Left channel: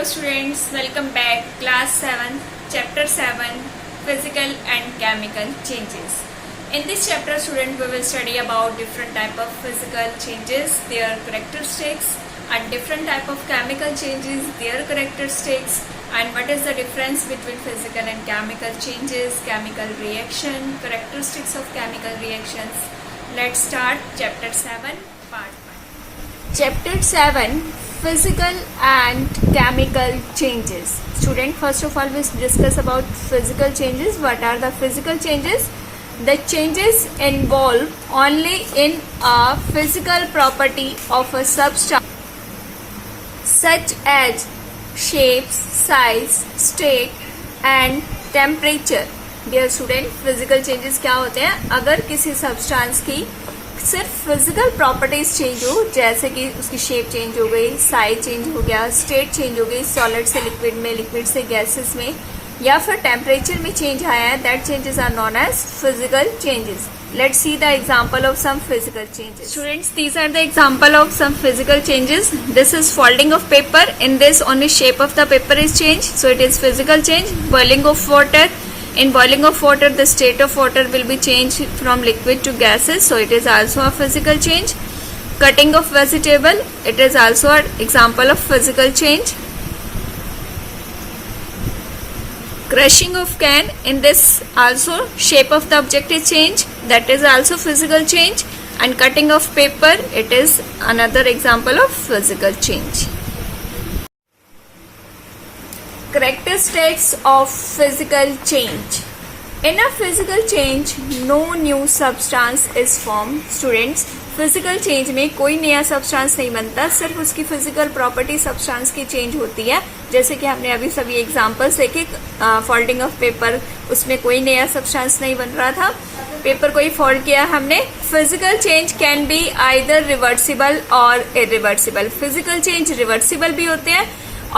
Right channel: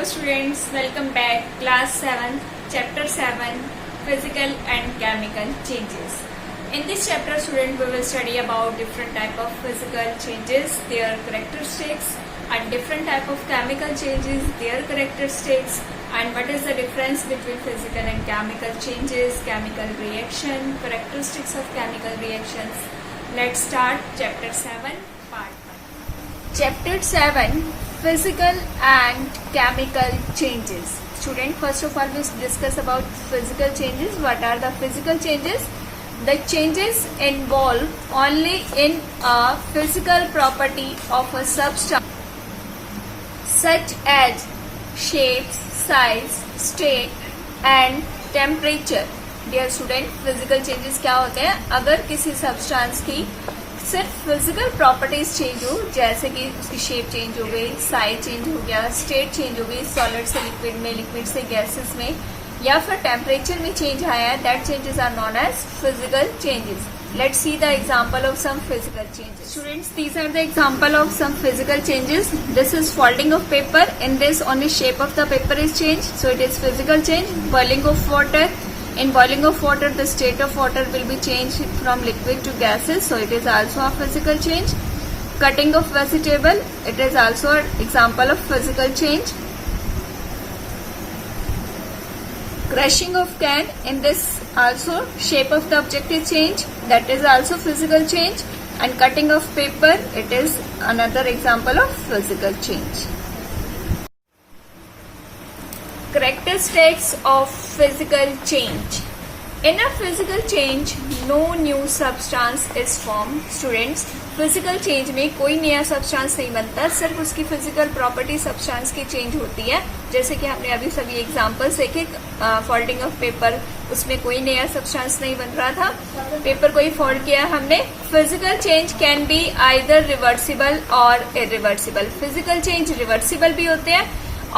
Hello students, welcome back. Class 7, Chapter 7, Physical and Chemical Changes. In this chapter, student, we will study about different type of physical changes, their characteristics, and different type of chemical changes, their characteristics, and what is the difference between physical and chemical changes, chemical reaction, characteristics of chemical reactions. Let's start Chapter 7, Part 1. Chapter 7, Physical and Chemical Changes. Student, first of all, we discuss about physical changes. What are the physical changes? The changes involve only in a physical property of a substance, such as shapes, size, state and temperature. Dear student, physical changes क्या होते हैं? अगर किसी substance की सिर्फ physical properties change हो, जैसे कि उसकी शेप चेंज हो गई, साइज चेंज हो गया, स्टेट चेंज हो गई, सॉलिड से लिक्विड में, लिक्विड से गैसेस में, या फिर टेम्परेचर में चेंज आया है, that changes are known as physical changes. Let's see the example of some physical changes. Students, these are the example of some physical changes. This is folding of paper. In this, only shape of the paper is changed, so it is physical change. Boiling of water. In boiling of water, the state of water will be changed from liquid to gases, so it is also a physical change. Cutting of vegetable, it is also an example of physical change. Crushing of can, in this also shape of the object is changed, that is also physical change. And cutting of paper, it is another example of physical change. Characteristics of physical change. In a physical change, no new substance is formed. Students, physical change में कोई नया substance नहीं बनता, सिर्फ उसकी physical property substance की change होती है. जैसे कि हमने अभी सभी एग्जांपल्स देखे. फोल्डिंग ऑफ पेपर, उसमें कोई नया सब्सटेंस नहीं बन रहा था, पेपर को ही फोल्ड किया हमने. Physical change can be either reversible और इरिवर्सिबल. फिजिकल चेंज रिवर्सिबल भी होते हैं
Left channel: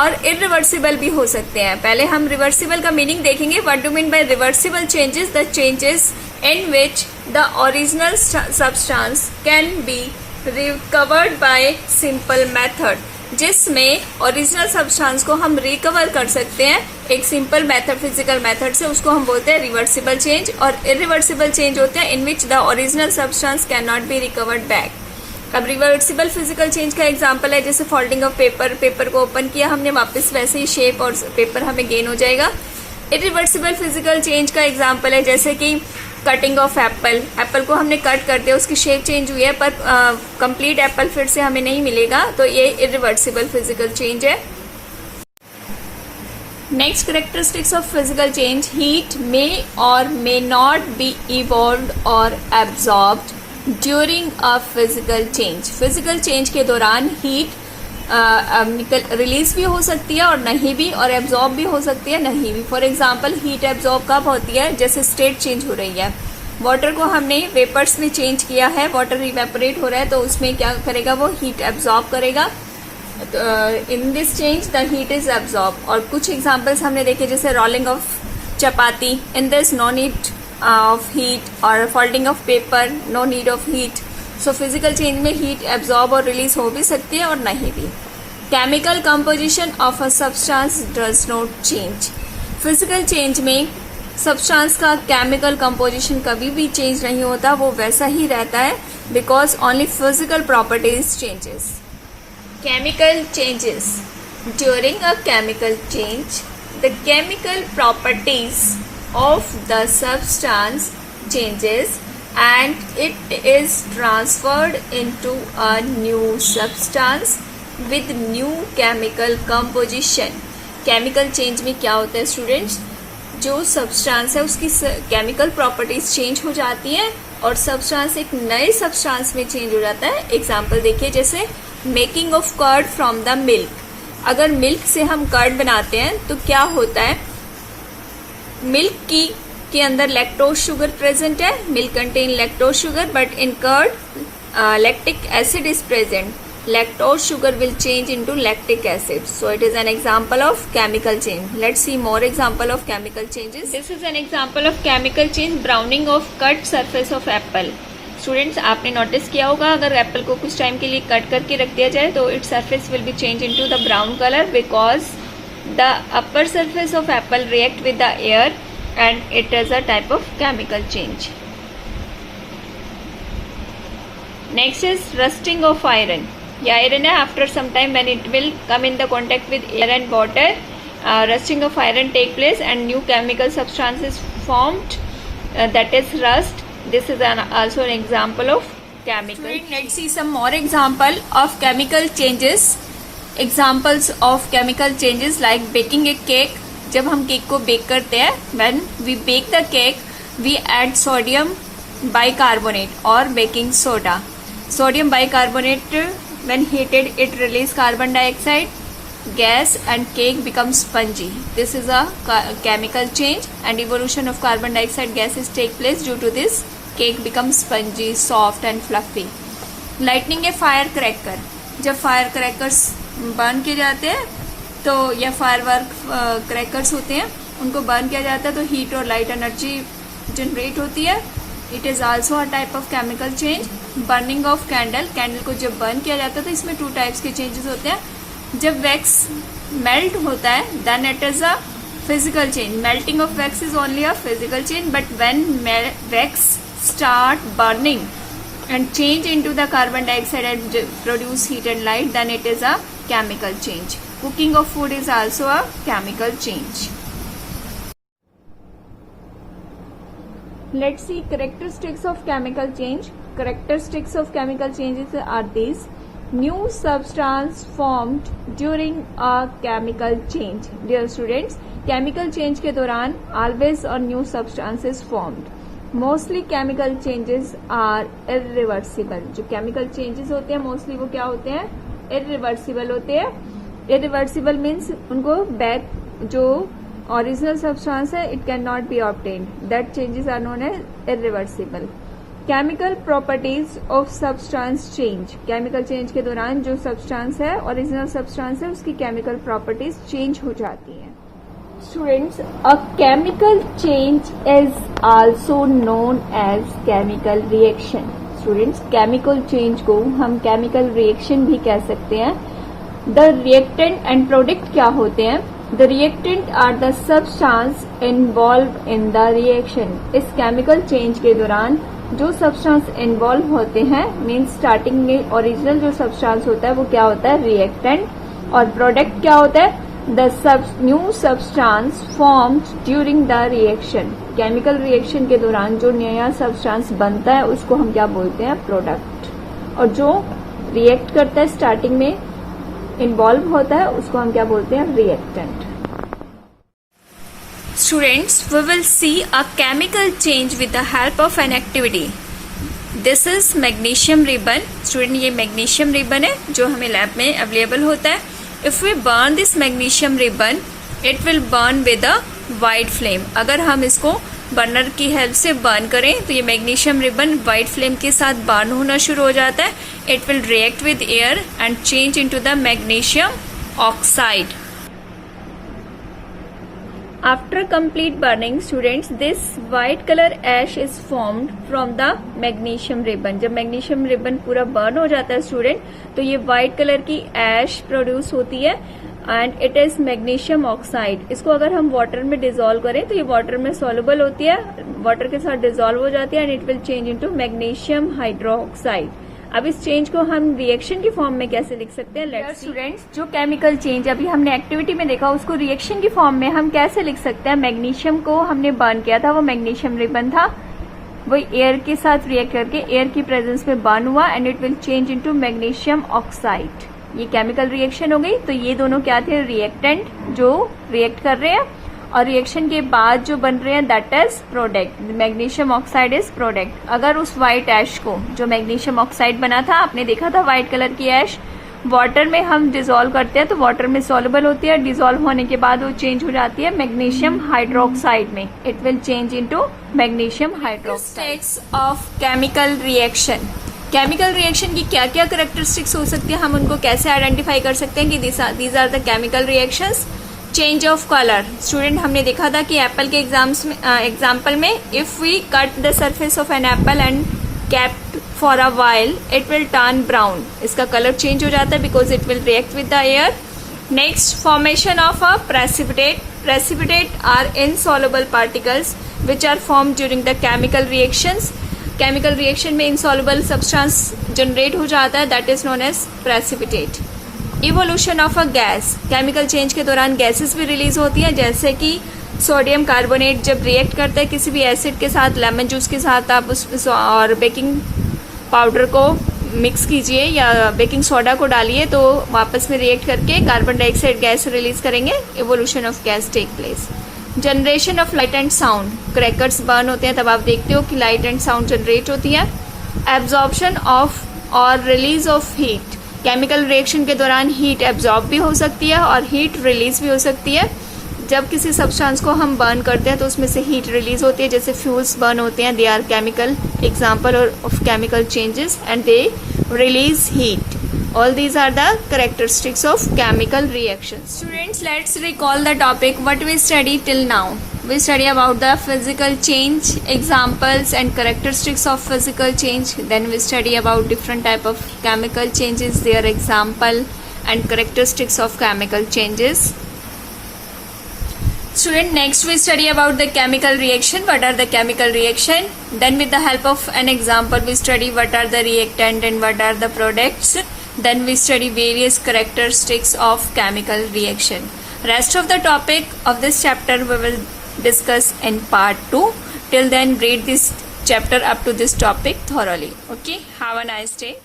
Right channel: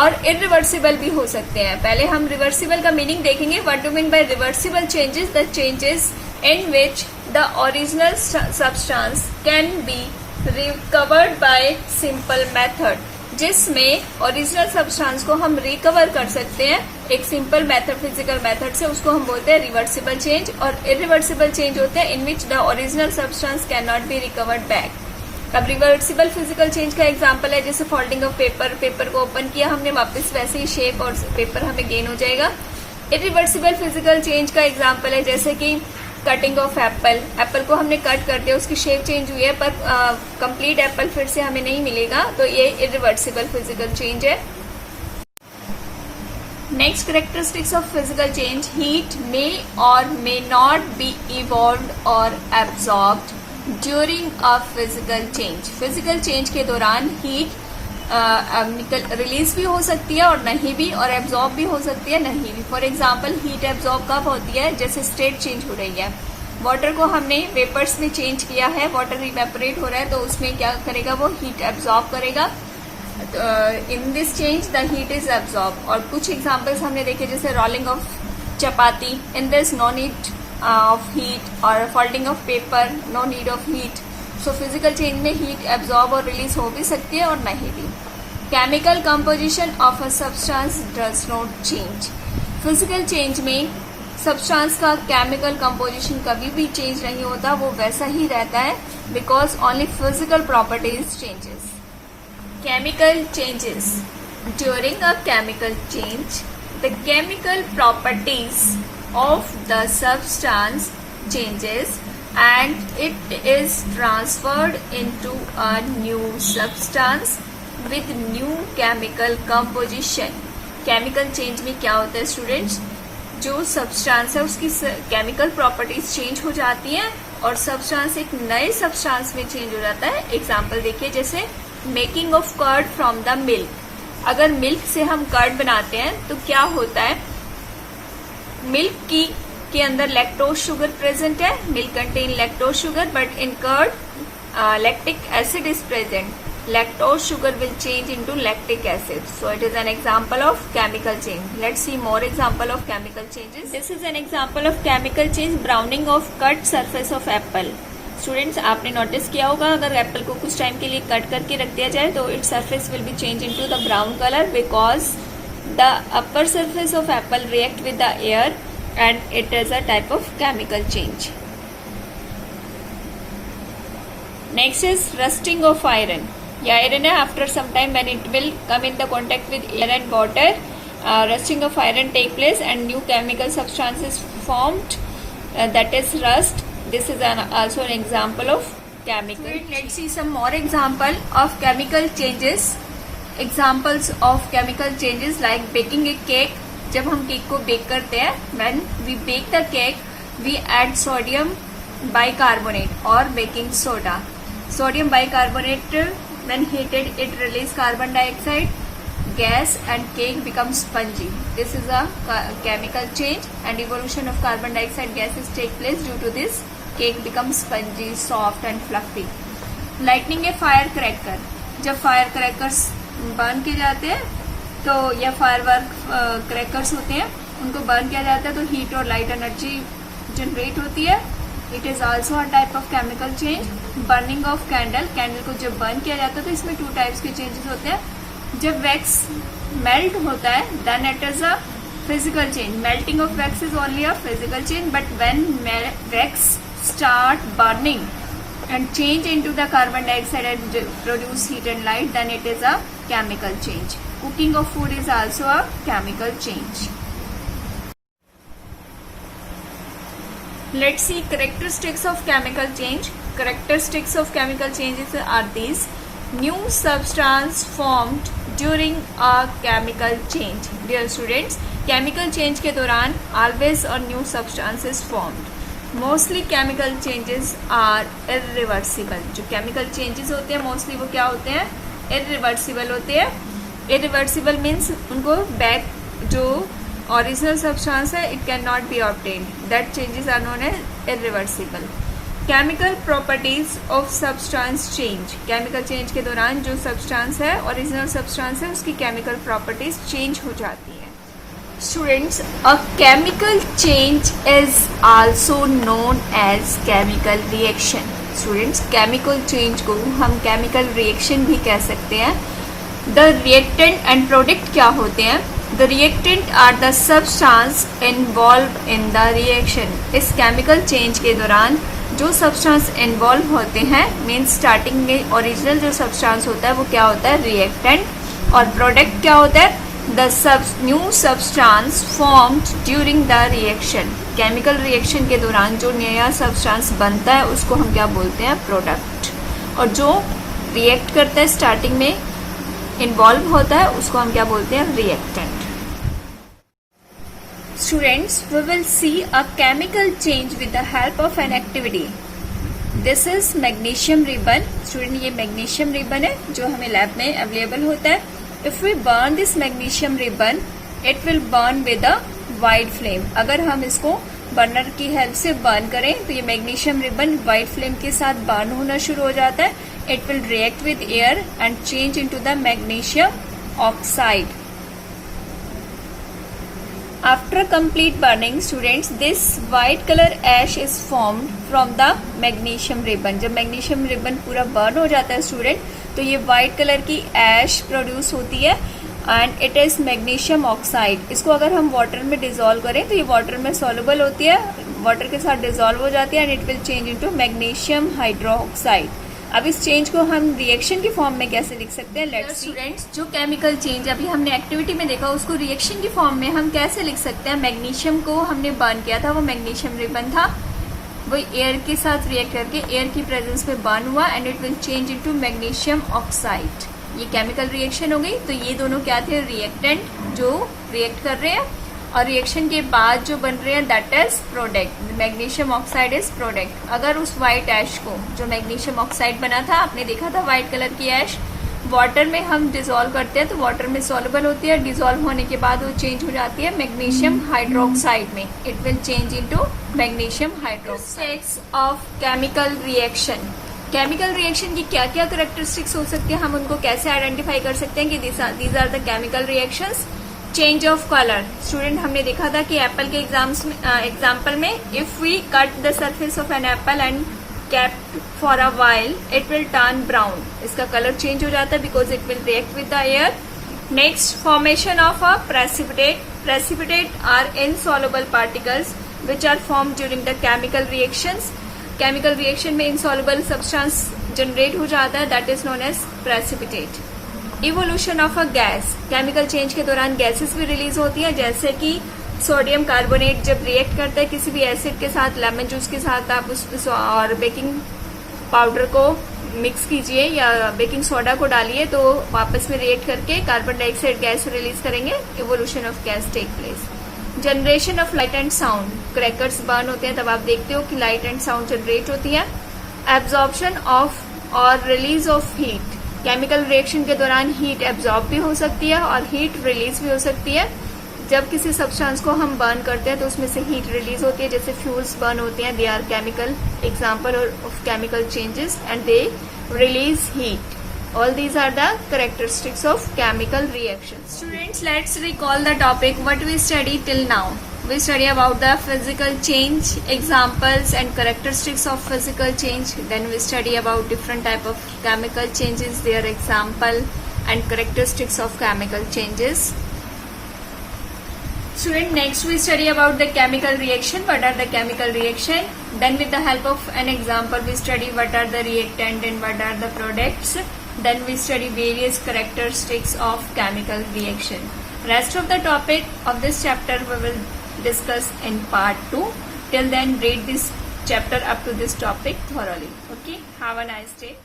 और इरिवर्सिबल भी हो सकते हैं. पहले हम रिवर्सिबल का मीनिंग देखेंगे. What do mean by reversible changes? The changes in which the original substance can be recovered by simple method. जिसमें ओरिजिनल सब्सटेंस को हम रिकवर कर सकते हैं एक सिंपल मेथड, फिजिकल मेथड से, उसको हम बोलते हैं रिवर्सिबल चेंज. और इरिवर्सिबल चेंज होते हैं in which the original substance can not be recovered back. अब रिवर्सिबल फिजिकल चेंज का एग्जांपल है जैसे फोल्डिंग ऑफ पेपर. पेपर को ओपन किया हमने, वापस वैसे ही शेप और पेपर हमें गेन हो जाएगा. इरिवर्सिबल फिजिकल चेंज का एग्जांपल है जैसे कि कटिंग ऑफ एप्पल. एप्पल को हमने कट कर दिया, उसकी शेप चेंज हुई है, पर कंप्लीट एप्पल फिर से हमें नहीं मिलेगा, तो ये इरिवर्सिबल फिजिकल चेंज है. Next characteristics of physical change. Heat may और मे नॉट बी इवॉल्व्ड और absorbed during a physical change. Physical change के दौरान हीट रिलीज भी हो सकती है और नहीं भी, और एब्जॉर्ब भी हो सकती है नहीं भी. फॉर एग्जाम्पल, हीट एब्जॉर्ब कब होती है? जैसे स्टेट चेंज हो रही है. वाटर को हमने वेपर्स में चेंज किया है, वाटर इवेपोरेट हो रहा है, तो उसमें क्या करेगा? वो हीट एब्जॉर्ब करेगा. In this change the heat is absorb. और कुछ एग्जाम्पल्स हमने देखे जैसे rolling of chapati. In this no need of heat. और folding of paper, no need of heat. So physical change में हीट एब्जॉर्ब और रिलीज हो भी सकती है और नहीं भी. Chemical composition of a substance does not change. Physical change में सब्सटेंस का केमिकल कंपोजिशन कभी भी चेंज नहीं होता, वो वैसा ही रहता है, because only physical properties changes. Chemical changes. During a chemical change, the chemical properties of the substance changes and it is transferred into a new substance with new chemical composition. Chemical change में क्या होता है students? जो substance है उसकी chemical properties change हो जाती हैं और सब्सटेंस एक नए सब्सटेंस में चेंज हो जाता है. एग्जांपल देखिए जैसे making of curd from the milk. अगर मिल्क से हम कर्ड बनाते हैं तो क्या होता है? मिल्क के अंदर लैक्टोज शुगर प्रेजेंट है. Milk contain lactose sugar, but in curd lactic acid is present. Lactose sugar will change into lactic acid. So it is an example of chemical change. Let's see more example of chemical changes. This is an example of chemical change. Browning of cut surface of apple. Students, आपने notice किया होगा अगर Apple को कुछ time के लिए cut करके रख दिया जाए तो its surface will be change into the brown colour because the upper surface of apple react with the air and it is a type of chemical change. Next is rusting of iron. ये iron है, after some time when it will come in the contact with air and water, rusting of iron take place and new chemical substance is formed, that is rust. This is also an example of chemical. Let's see some more example of chemical changes. Examples of chemical changes like baking a cake. जब हम cake को bake करते हैं, when we bake the cake, we add sodium bicarbonate or baking soda. Sodium bicarbonate, when heated, it releases carbon dioxide gas and cake becomes spongy. This is a chemical change and evolution of carbon dioxide gases take place. Due to this, cake becomes spongy, soft and fluffy. Lighting a firecracker. जब firecrackers burn किए जाते हैं तो या firework crackers होते हैं, उनको burn किया जाता है तो हीट और लाइट एनर्जी जनरेट होती है. It is also a type of chemical change. Burning of candle. Candle को जब बर्न किया जाता है तो इसमें 2 टाइप्स के चेंजेस होते हैं. जब वैक्स मेल्ट होता है then it is a physical change. Melting of wax is only a physical change, but when wax start burning and change into the carbon dioxide and produce heat and light, then it is a chemical change. Cooking of food is also a chemical change. Let's see characteristics of chemical change. Characteristics of chemical changes are these: new substance formed during a chemical change. Dear students, chemical change के दौरान always a new substance is formed. Mostly chemical changes are irreversible. जो chemical changes होते हैं mostly वो क्या होते हैं? Irreversible होते हैं. इरिवर्सिबल मीन्स उनको बैक जो ओरिजिनल सब्सटेंस है it can not be obtained. That changes are known as irreversible. Chemical properties of substance change. Chemical change के दौरान जो सब्सटेंस है ओरिजिनल सब्सटेंस है उसकी केमिकल प्रॉपर्टीज चेंज हो जाती हैं. Students, a chemical change is also known as chemical reaction. Students, chemical change को हम chemical reaction भी कह सकते हैं. The reactant and product क्या होते हैं? The reactant are the substance involved in the reaction. इस chemical change के दौरान जो substance involve होते हैं, means starting में original जो substance होता है वो क्या होता है? reactant. और product क्या होता है? The new substance formed during the reaction. Chemical reaction के दौरान जो नया सब्सटेंस बनता है उसको हम क्या बोलते हैं? प्रोडक्ट. और जो रिएक्ट करता है स्टार्टिंग में इन्वॉल्व होता है उसको हम क्या बोलते हैं? Reactant. Students, we will see a chemical change with the help of an activity. This is magnesium ribbon. Student, ये मैग्नीशियम रिबन है जो हमें लैब में अवेलेबल होता है. If we burn this magnesium ribbon, it will burn with a white flame. अगर हम इसको बर्नर की हेल्प से बर्न करें तो ये मैग्नीशियम रिबन व्हाइट फ्लेम के साथ बर्न होना शुरू हो जाता है. It will react with air and change into the magnesium oxide. After complete burning, students, this white color ash is formed from the magnesium ribbon. जब magnesium ribbon पूरा burn हो जाता है स्टूडेंट तो ये वाइट कलर की ऐश produce होती है and it is magnesium oxide. इसको अगर हम वाटर में डिजोल्व करें तो ये वाटर में सॉल्युबल होती है, वाटर के साथ डिजोल्व हो जाती है and it will change into magnesium hydroxide. अब इस चेंज को हम रिएक्शन की फॉर्म में कैसे लिख सकते हैं? लेट्स स्टूडेंट्स, जो केमिकल चेंज अभी हमने एक्टिविटी में देखा उसको रिएक्शन की फॉर्म में हम कैसे लिख सकते हैं? मैग्नीशियम को हमने बर्न किया था, वो मैग्नीशियम रिबन था, वो एयर के साथ रिएक्ट करके एयर की प्रेजेंस में बर्न हुआ and it will change into magnesium oxide. ये केमिकल रिएक्शन हो गई. तो ये दोनों क्या थे? रिएक्टेंट जो रिएक्ट कर रहे हैं और रिएक्शन के बाद जो बन रहे हैं that is product. Magnesium oxide is product. अगर उस व्हाइट ऐश को जो मैग्नीशियम ऑक्साइड बना था, आपने देखा था व्हाइट कलर की ऐश, वाटर में हम डिजोल्व करते हैं तो वाटर में सॉल्युबल होती है. डिजोल्व होने के बाद वो चेंज हो जाती है मैग्नीशियम हाइड्रोक्साइड में. It will change into magnesium hydroxide. Of chemical reaction. Chemical reaction की क्या क्या कैरेक्टरिस्टिक्स हो सकती है, हम उनको कैसे आइडेंटिफाई कर सकते हैं कि these are the chemical reactions. Change of colour. Student, हमने देखा था कि एप्पल के एग्जाम्पल में if we cut the surface of an apple and kept for a while it will turn brown. इसका कलर चेंज हो जाता है because it will react with the air. Next, formation of a precipitate. Precipitate are insoluble particles which are formed during the chemical reactions. Chemical reaction में insoluble substance generate हो जाता है, that is known as precipitate. Evolution of a gas. Chemical change के दौरान gases भी release होती है, जैसे कि सोडियम कार्बोनेट जब रिएक्ट करता है किसी भी एसिड के साथ, लेमन जूस के साथ आप उस और बेकिंग पाउडर को मिक्स कीजिए या बेकिंग सोडा को डालिए तो वापस में रिएक्ट करके कार्बन डाइऑक्साइड गैस रिलीज करेंगे. Evolution of gas take place. Generation of light and sound. Crackers burn होते हैं तब आप देखते हो कि लाइट एंड साउंड जनरेट होती है. एब्जॉर्प्शन ऑफ और release of heat. Chemical reaction के दौरान हीट एब्जॉर्ब भी हो सकती है और हीट रिलीज भी हो सकती है. जब किसी सब्सटेंस को हम बर्न करते हैं तो उसमें से हीट रिलीज होती है, जैसे फ्यूल्स बर्न होते हैं, they are chemical example of chemical changes and they release heat. All these are the characteristics of chemical reactions. Students, let's recall the topic what we studied till now. We study about the physical change, examples and characteristics of physical change. Then we study about different type of chemical changes, their example and characteristics of chemical changes. Student, next we study about the chemical reaction. What are the chemical reaction? Then with the help of an example we study what are the reactant and what are the products. Then we study various characteristics of chemical reaction. Rest of the topic of this chapter we will discuss in part 2. Till then read this chapter up to this topic thoroughly. Okay, have a nice day.